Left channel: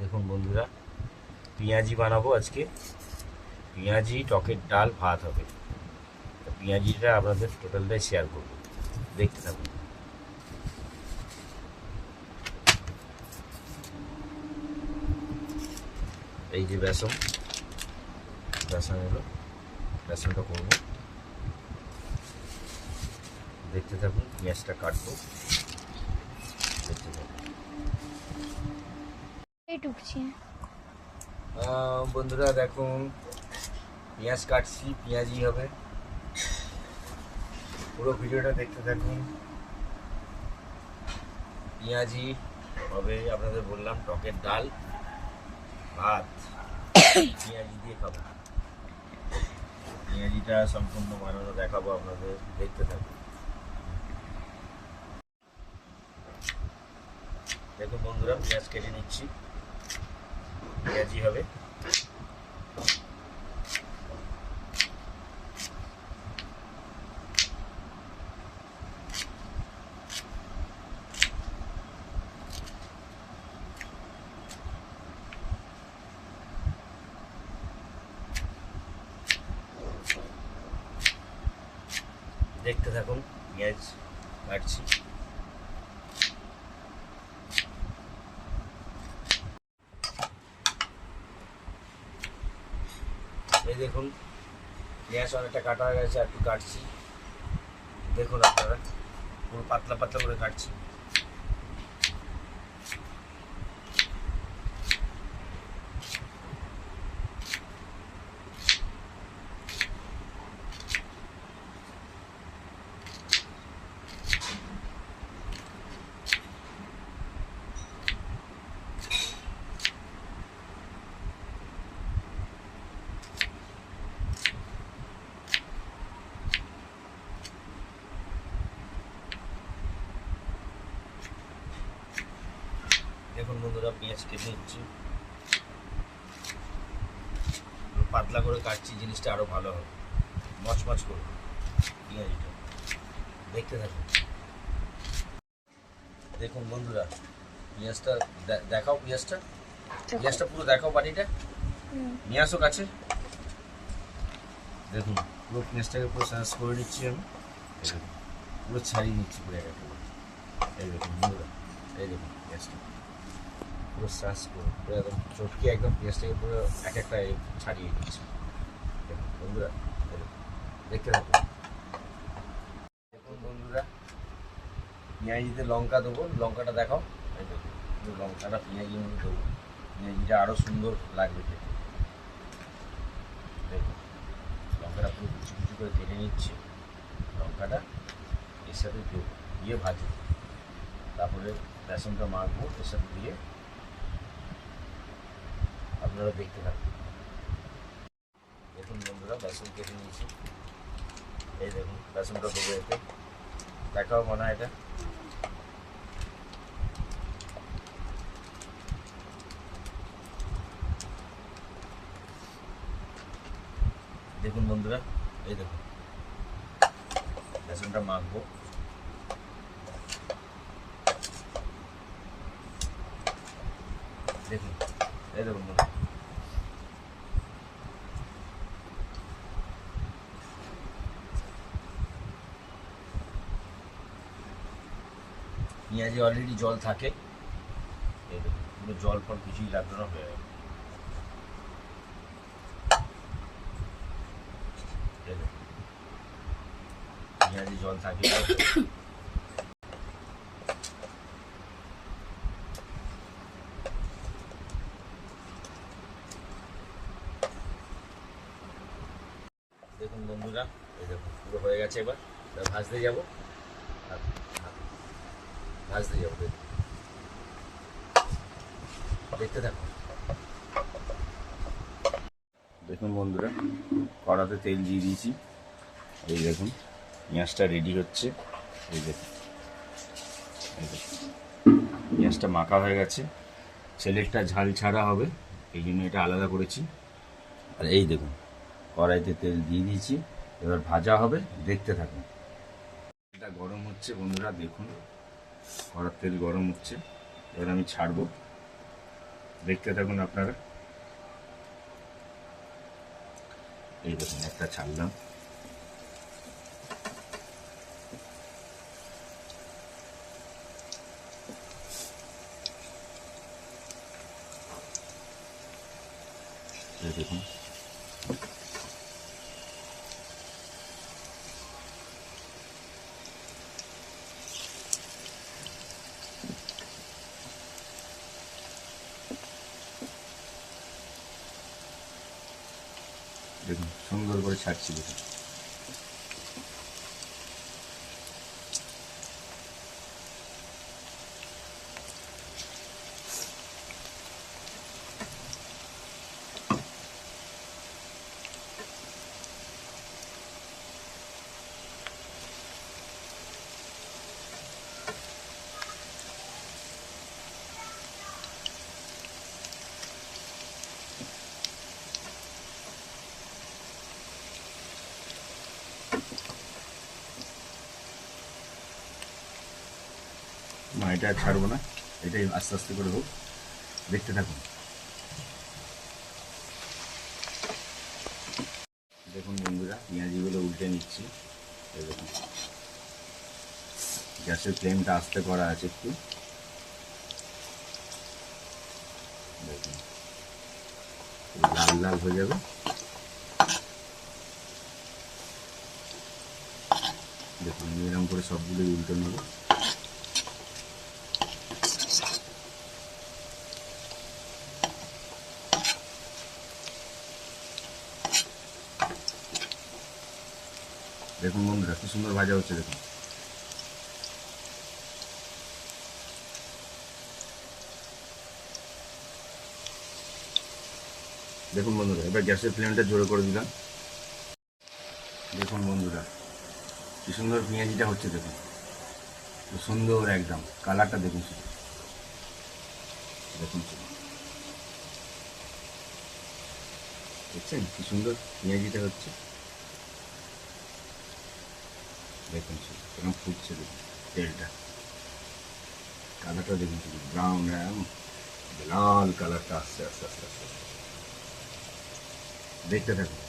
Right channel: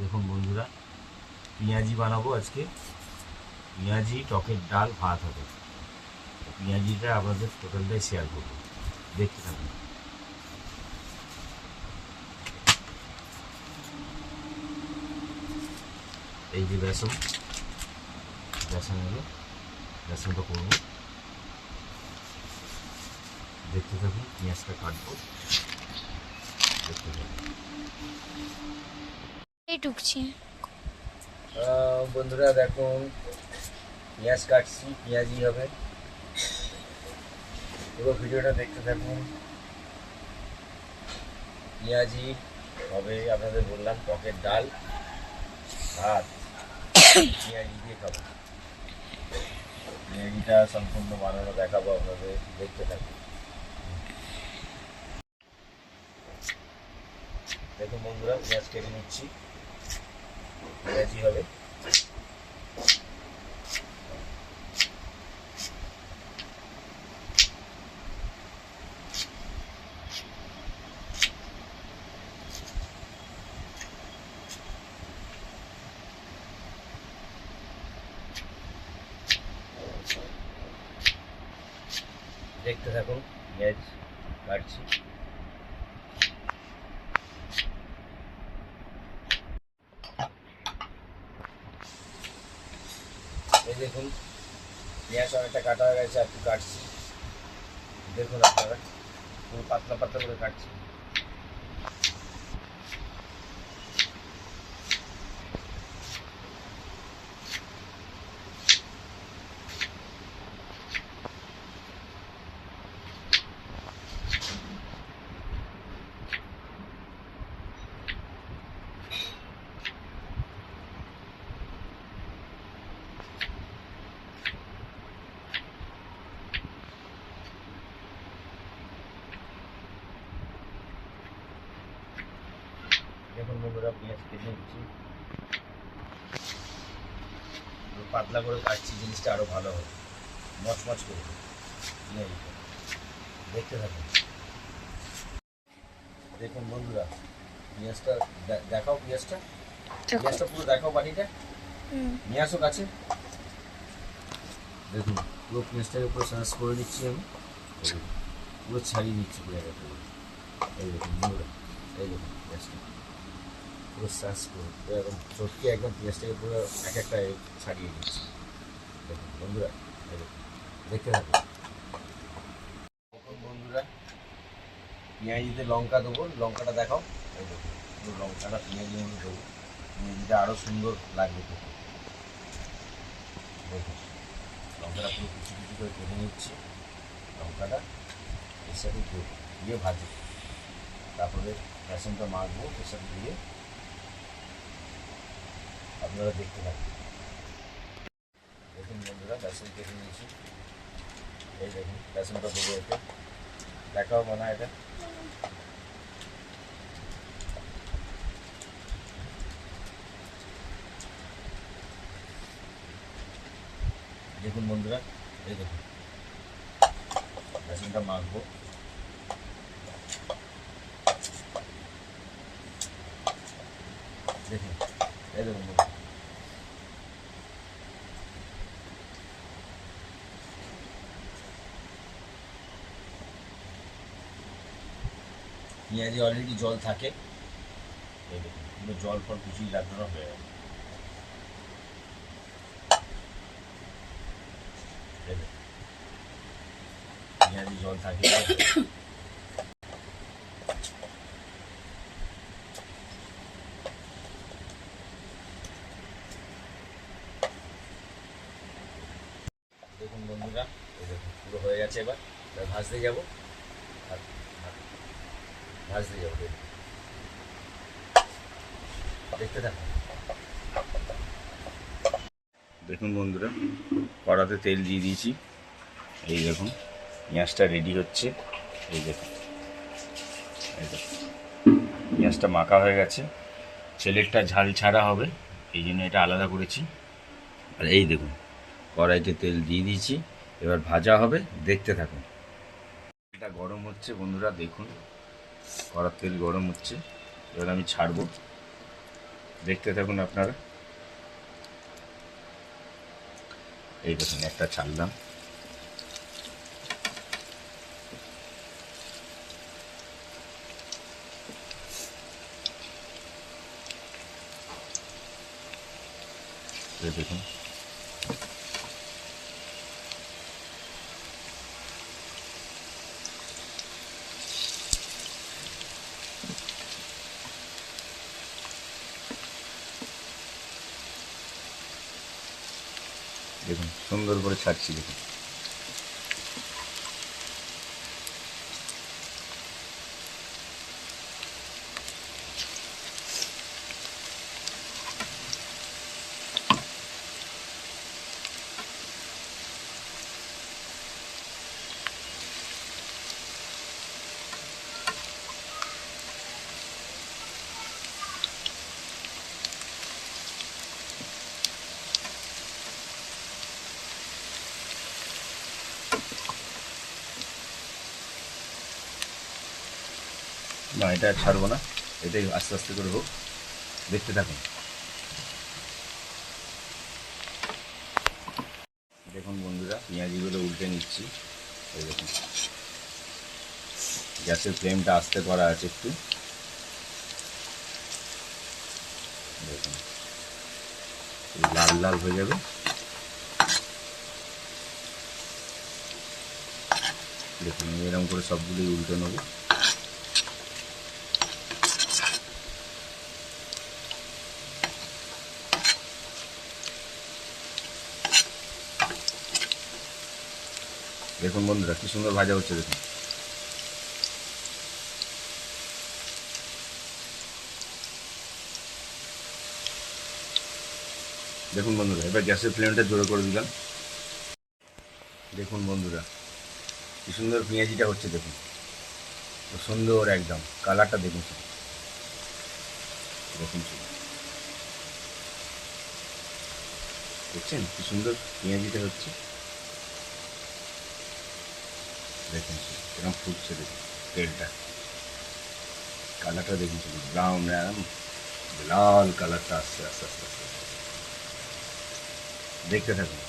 দেখুন বন্ধুরা, পেঁয়াজি বানাবো আজকে। পেঁয়াজি, টকের ডাল, ভাত হবে। পেঁয়াজিটা আপনাদের টোটালটাই শেয়ার করবো, দেখতে থাকুন। এই যে বেসন হলো, বেসনটা করবো, দেখতে থাকুন। পেঁয়াজটা কাটবো, দেখতে থাকুন। বন্ধুরা দেখুন, পেঁয়াজ কাটছি, পেঁয়াজি হবে। পুরো ভিডিওটা দেখতে থাকুন। পেঁয়াজি হবে, আপনাদের বললাম, টকের ডাল, ভাত পেঁয়াজি দিয়ে খাবো। পেঁয়াজিটা সম্পূর্ণ বানানো দেখাবো আপনাদের, দেখতে থাকুন। দেখুন বন্ধুরা, পেঁয়াজ কেটে নিচ্ছি, পেঁয়াজি হবে। দেখতে থাকুন, পেঁয়াজ কাটছি। এই দেখুন, পেঁয়াজ অনেকটা কাটা হয়ে গেছে, একটু কাটছি। দেখুন আপনারা, পুরো পাতলা পাতলা করে কাটছি। দেখুন বন্ধুরা, পেঁয়াজ কেটে নিচ্ছি, পাতলা করে কাটছি, জিনিসটা আরো ভালো হবে, মচমচ করবে পেঁয়াজটা। দেখতে থাকুন। দেখুন বন্ধুরা, পেঁয়াজটা দেখাও, পেঁয়াজটা পুরো দেখাও, বাড়িটা নিয়ে আসো কাছে। দেখুন, পুরো পেঁয়াজটাকে পুরো সার্চ করে নিচ্ছি আমি, পুরো ছাড়িয়ে নিচ্ছি পেঁয়াজটা। এই দেখুন বন্ধুরা, এই দেখুন পেঁয়াজটা পুরো সার্চ করে পুরো একদম চটকে একদম পেঁয়াজটাকে পুরো এক একটা ছাড়িয়ে নিচ্ছি। দেখুন বন্ধুরা, এই দেখুন, দেখতে থাকুন। দেখুন বন্ধুরা, পেঁয়াজিতে লঙ্কা দেবো, লঙ্কাটা দেখাও। এই দেখুন, পুরো লঙ্কাটা পেঁয়াজি আমি দেবো, পেঁয়াজিটা আরও সুন্দর লাগবে খেতে। দেখুন, লঙ্কাটা পুরো কিছু কিছু করে কেটে নিচ্ছি, লঙ্কাটা এর সাথে দিয়ে ভাজি, তারপরে বেসনটা মাখবো এর সাথে দিয়ে। আপনারা দেখতে থাকুন। দেখুন বন্ধুরা, বেসন কেটে নিয়েছি, এই দেখুন বেসনটা দেবো এতে, দেখাও মনে হয় এটা। দেখুন বন্ধুরা, এই দেখুন বেসনটা মাখবো। দেখুন, এই দেখুন বন্ধুরা, পেঁয়াজে অলরেডি জল থাকে। এই দেখুন, পুরো জল ফল কিছুই লাগবে না, হয়ে গেল। পেঁয়াজে জল থাকে। দেখুন বন্ধুরা, এই দেখুন পুরো হয়ে গেছে। এবার ভাজতে যাবো, ভাজতে যাবো, দেখতে থাকুন। দেখুন বন্ধুরা, কড়াতে তেল দিয়ে দিয়েছি, এই দেখুন পেঁয়াজটা রেডি হচ্ছে। এই দেখুন, এই দেখুন পেঁয়াজটা মাখা হয়ে গেছে, ছেলেরটা ঝাল ছাড়া হবে, এই জন্য এটা আলাদা করেছি। আর এই দেখুন, কড়াইতে তেল দিয়ে দিয়েছি, এবার ভাজা হবে, দেখতে থাকুন। এটা গরম হচ্ছে বন্ধুরা, দেখুন কড়ার তেল গরম হচ্ছে, এবার আমি ছাড়বো। দেখতে থাকুন আপনারা। এই দেখুন একটা ছাড়লাম, এই দেখুন। দেখুন সুন্দর করে ছাড়ছি দেখুন। না, এটা ছাড়বো না, এটাই আস্তে আস্তে করে হোক, দেখতে থাকুন। দেখুন বন্ধুরা, পেঁয়াজিগুলো উল্টে নিচ্ছি। এই দেখুন, গ্যাসের ফ্লেমটা আস্তে করা আছে একটু। দেখুন লাল লাল হয়ে যাবে। দেখুন এরকম করে সবগুলোই উল্টে নেব। দেখুন বন্ধুরা কি সুন্দর ভাজা হচ্ছে দেখুন। দেখুন বন্ধুরা, এবার গ্যাসের ফ্লেমটা জোরে করে দিলাম। দেখুন বন্ধুরা কি সুন্দর পেঁয়াজিটা হচ্ছে দেখুন, সুন্দর একদম কালারটা দেখুন শুধু, দেখুন শুধু, দেখছেন কি সুন্দর পেঁয়াজিটা হচ্ছে। দেখুন শুধু এরকম ফুটছে দেখুন, তেলটা কালারটা দেখুন শুধু, ব্রাউন লাল কালারটা আসছে আস্তে আস্তে আস্তে। দেখতে থাকুন।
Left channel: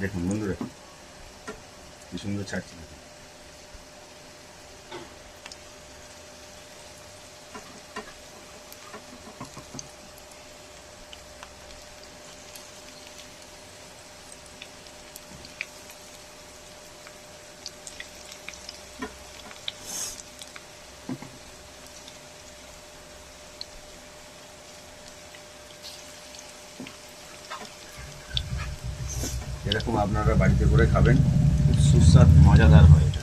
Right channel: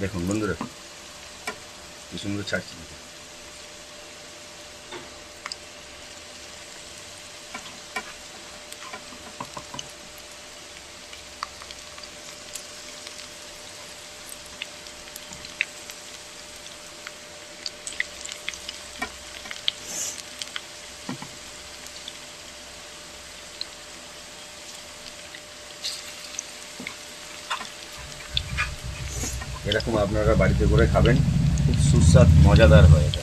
দেখুন বন্ধুরা কি সুন্দর ছাড়ছে দেখুন। এরকম আপনারা বাড়িতে করে খাবেন, খুব সুস্বাদু মজাদার হয় এটা।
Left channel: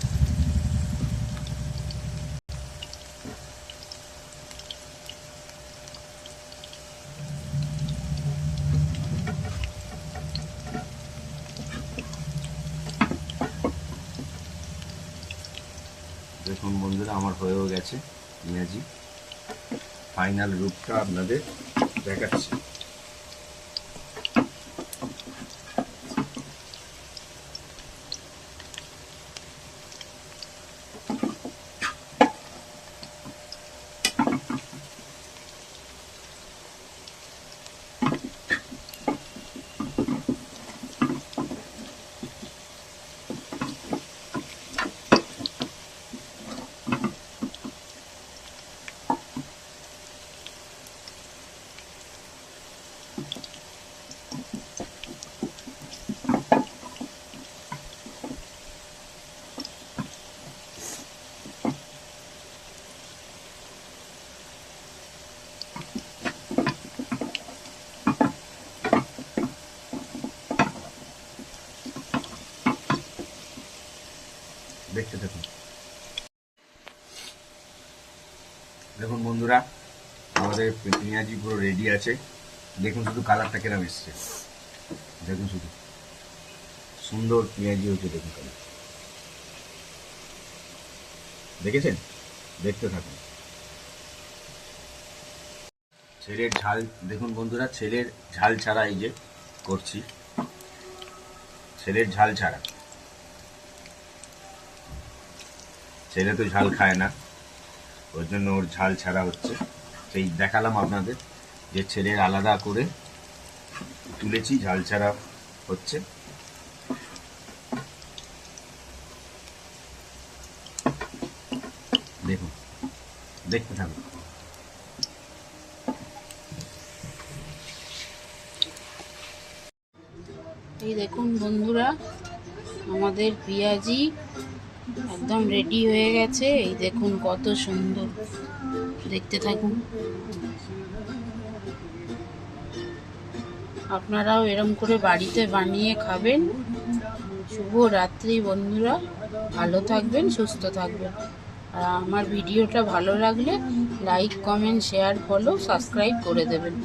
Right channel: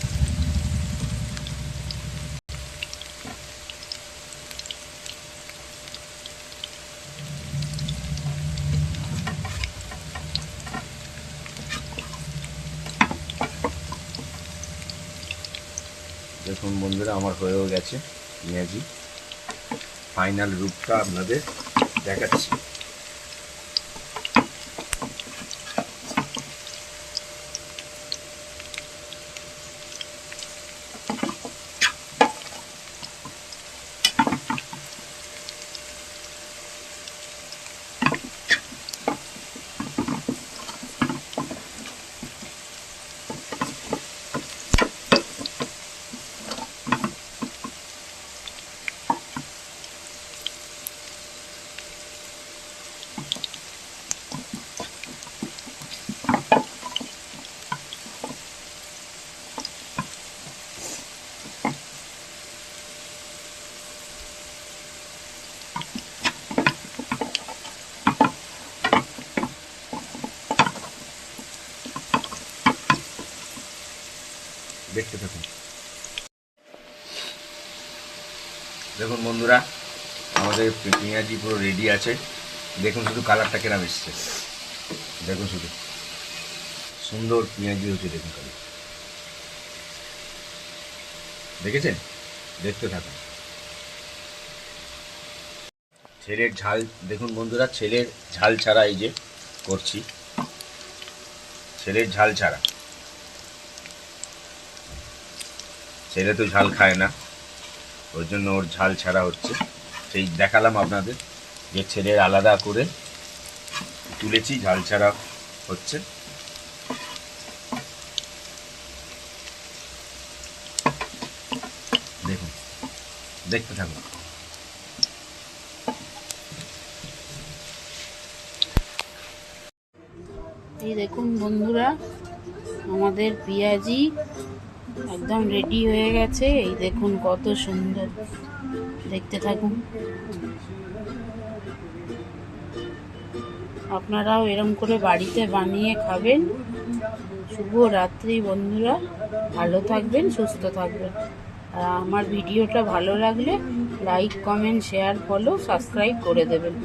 দেখুন বন্ধুরা আমার হয়েও গেছে পেঁয়াজি, ফাইনাল রূপটা আপনাদের দেখাচ্ছি। দেখতে থাকুন। দেখুন বন্ধুরা আমাদের পেঁয়াজি পুরো রেডি আছে। দেখুন শুধু কালারটা কেনা এসছে, দেখুন শুধু সুন্দর পেঁয়াজি হচ্ছে দেখুন কালার, দেখেছেন? দেখতে থাকুন। ছেলের ঝাল দেখুন বন্ধুরা, ছেলের ঝাল ছাড়া এই যে করছি, ছেলের ঝাল ছাড়া। ছেলে তো ঝাল খায় না, ওর জন্য ওর ঝাল ছাড়া হচ্ছে। সেই দেখালাম আপনাদের যে ছেলের আলাদা করে তুলেছি, ঝাল ছাড়া হচ্ছে। দেখুন, দেখতে থাকুন। এই দেখুন বন্ধুরা, আমাদের পেঁয়াজি একদম রেডি হয়ে গেছে। এই দেখুন কত সুন্দর, দেখতে থাকুন। আপনারাও এরম করে বাড়িতে বানিয়ে খাবেন। শুভ রাত্রি বন্ধুরা, ভালো থাকবেন, সুস্থ থাকবেন। আর আমার ভিডিওটা ভালো লাগলে like, comment, share, follow, subscribe করে দেবেন।